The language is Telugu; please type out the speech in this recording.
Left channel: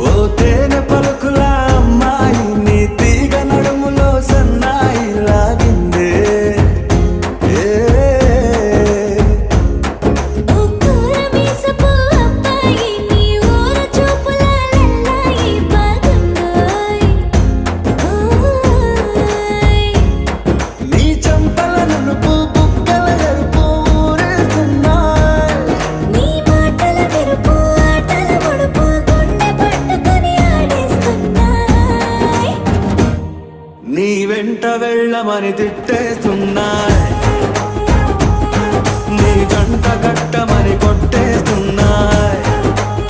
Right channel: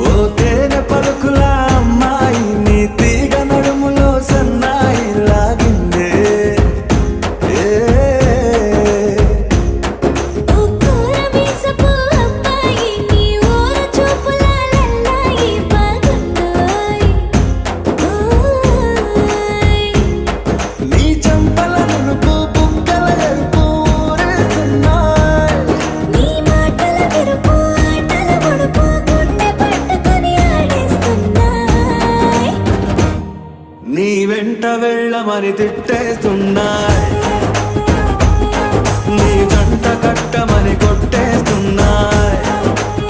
ఓ తేనె పలుకుల అమ్మాయి నీ తీగ నడుములో సన్నాయి లాగిందే ఏ ఓ కూరమీసపు అబ్బాయి నీ ఊర చూపుల లల్లాయి బాగుందోయ్ ఓయ్ నీ చంపల నునుపు బుగ్గల ఎరుపు ఊరేస్తున్నాయి నీ మాటల విరుపు ఆటల ముడుపు గుండె పట్టుకొని ఆడేస్తున్నాయ్ నీ వెంట వెళ్ళమని తిట్టేస్తున్నాయి నీ జంట కట్టమని కొట్టేస్తున్నాయి